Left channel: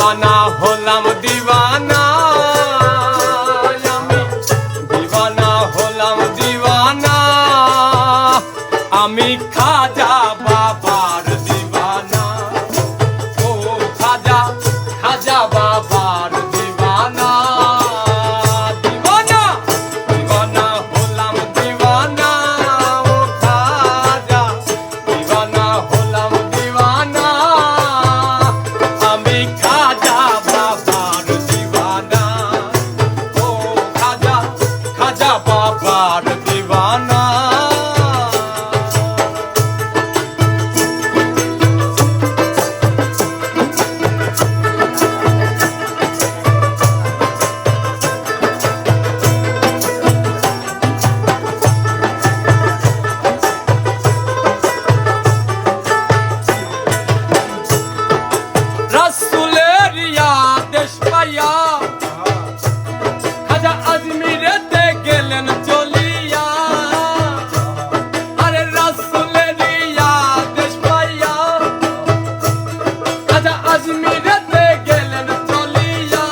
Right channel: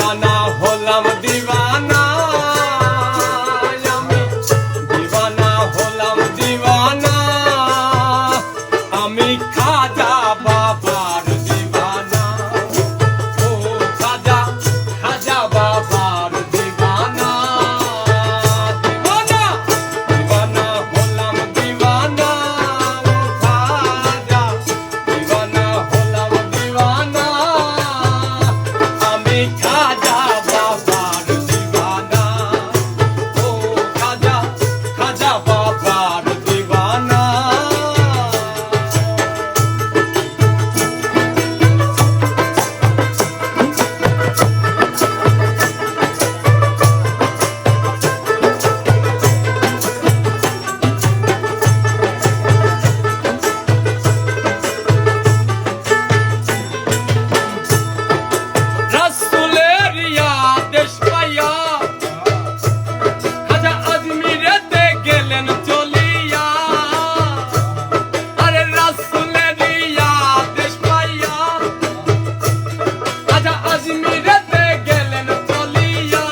দিওয়ানা হলাম দিওয়ানা, আমি দিওয়ানা হলাম দিওয়ানা, আমি খাজা বাবার দিওয়ানা। ও খাজা খাজা বাবার দিওয়ানা, দিওয়ানা দিওয়ানা হলাম দিওয়ানা। ও খাজা দিওয়ানা হলাম দিওয়ানা, আমি খাজা বাবার দিওয়ানা। ও খাজা খাজা বাবার দিওয়ানা। রসুলের আদেশ পাইয়া খাজা আজমিরেতে গেলেন চলিয়া। আরে রসুলের আদেশ পাইয়া খাজা আজমিরেতে গেলেন চলিয়া।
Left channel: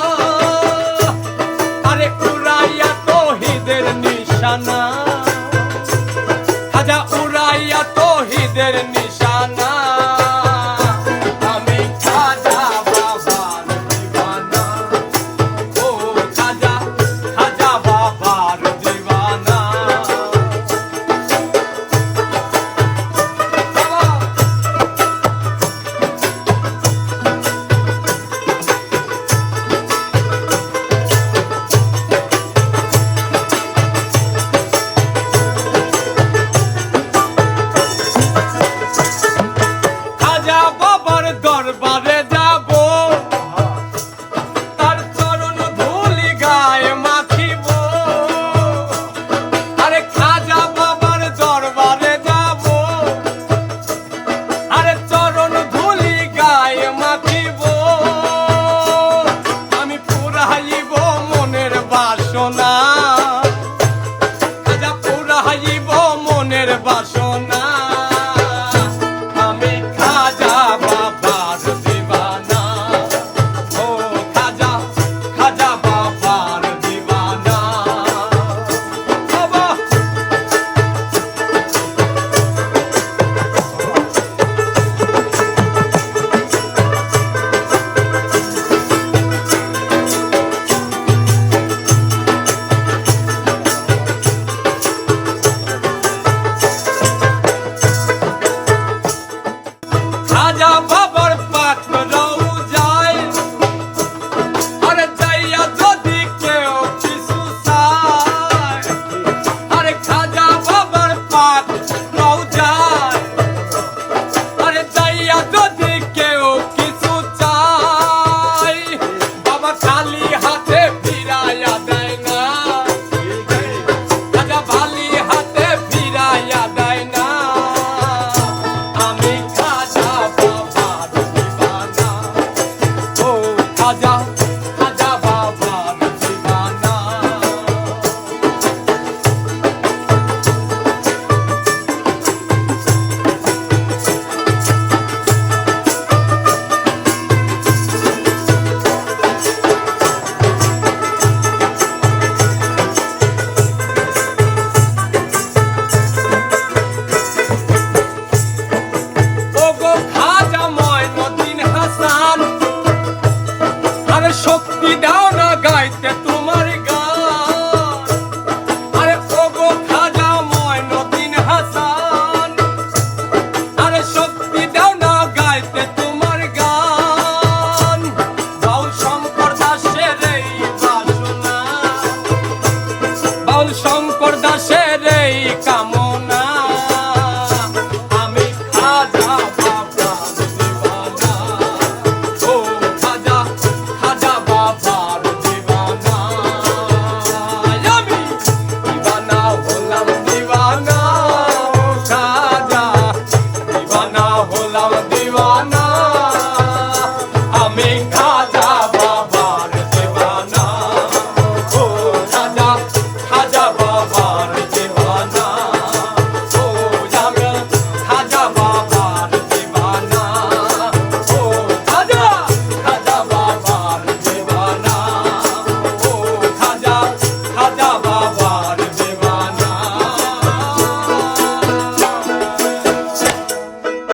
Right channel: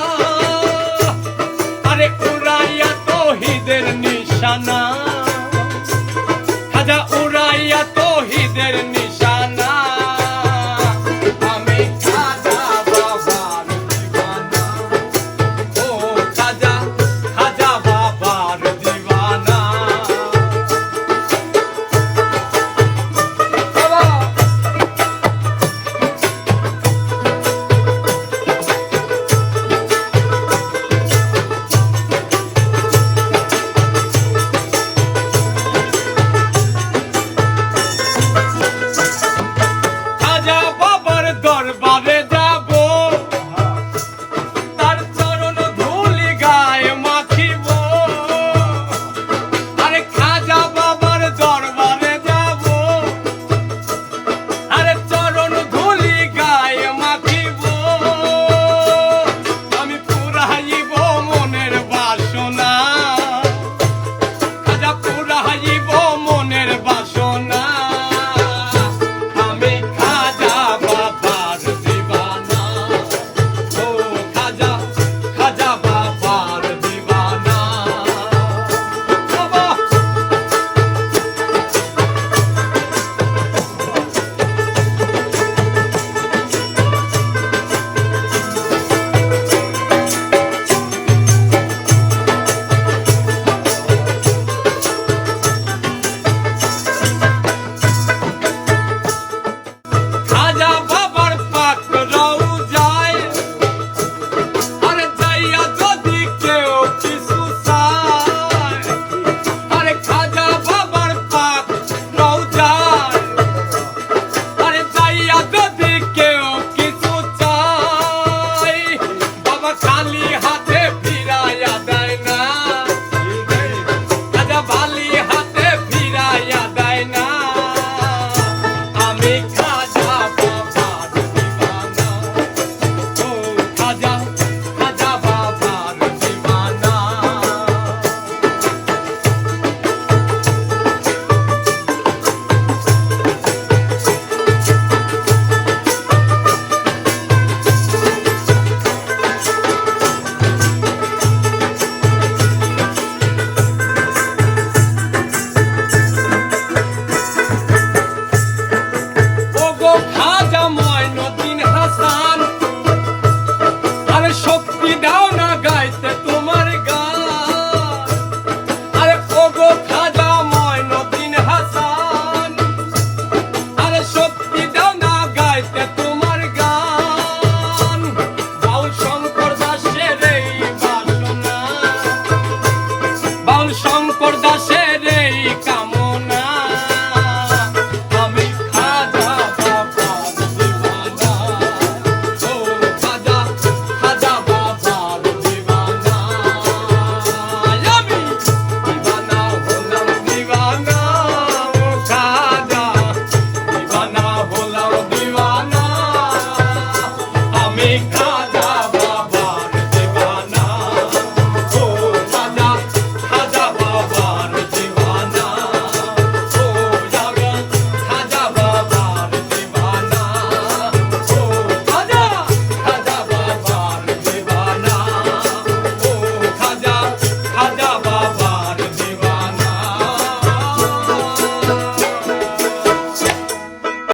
আরে উড়াইয়া তৌহিদের নিশানা, খাজা উড়াইয়া তৌহিদের নিশানা। আমি খাজা বাবার দিওয়ানা। ও খাজা খাজা বাবার দিওয়ানা। খাজা বাবার দরবারে যাব, তার চরণ ধুলি গায়ে মাখিব। আরে খাজা বাবার দরবারে যাব, আরে চরণ ধুলি গায়ে মাখিব। আমি পুরাইব মনের বাসনা, খাজা পুরাইব মনের বাসনা। আমি খাজা বাবার দিওয়ানা। ও খাজা খাজা বাবার দিওয়ানা। বাবা খাজা বাবার পাক রওজায়, আরে যাইয়া যদি কেউ কিছু চায়। আরে খাজা বাবার পাক রওজায়, আরে যাইয়া যদি কেউ কিছু চায়। বাবা খালি হাতে ফিরাইয়া দেয় না, খাজা খালি হাতে ফিরাইয়া দেয় না। আমি খাজা বাবার দিওয়ানা। ও খাজা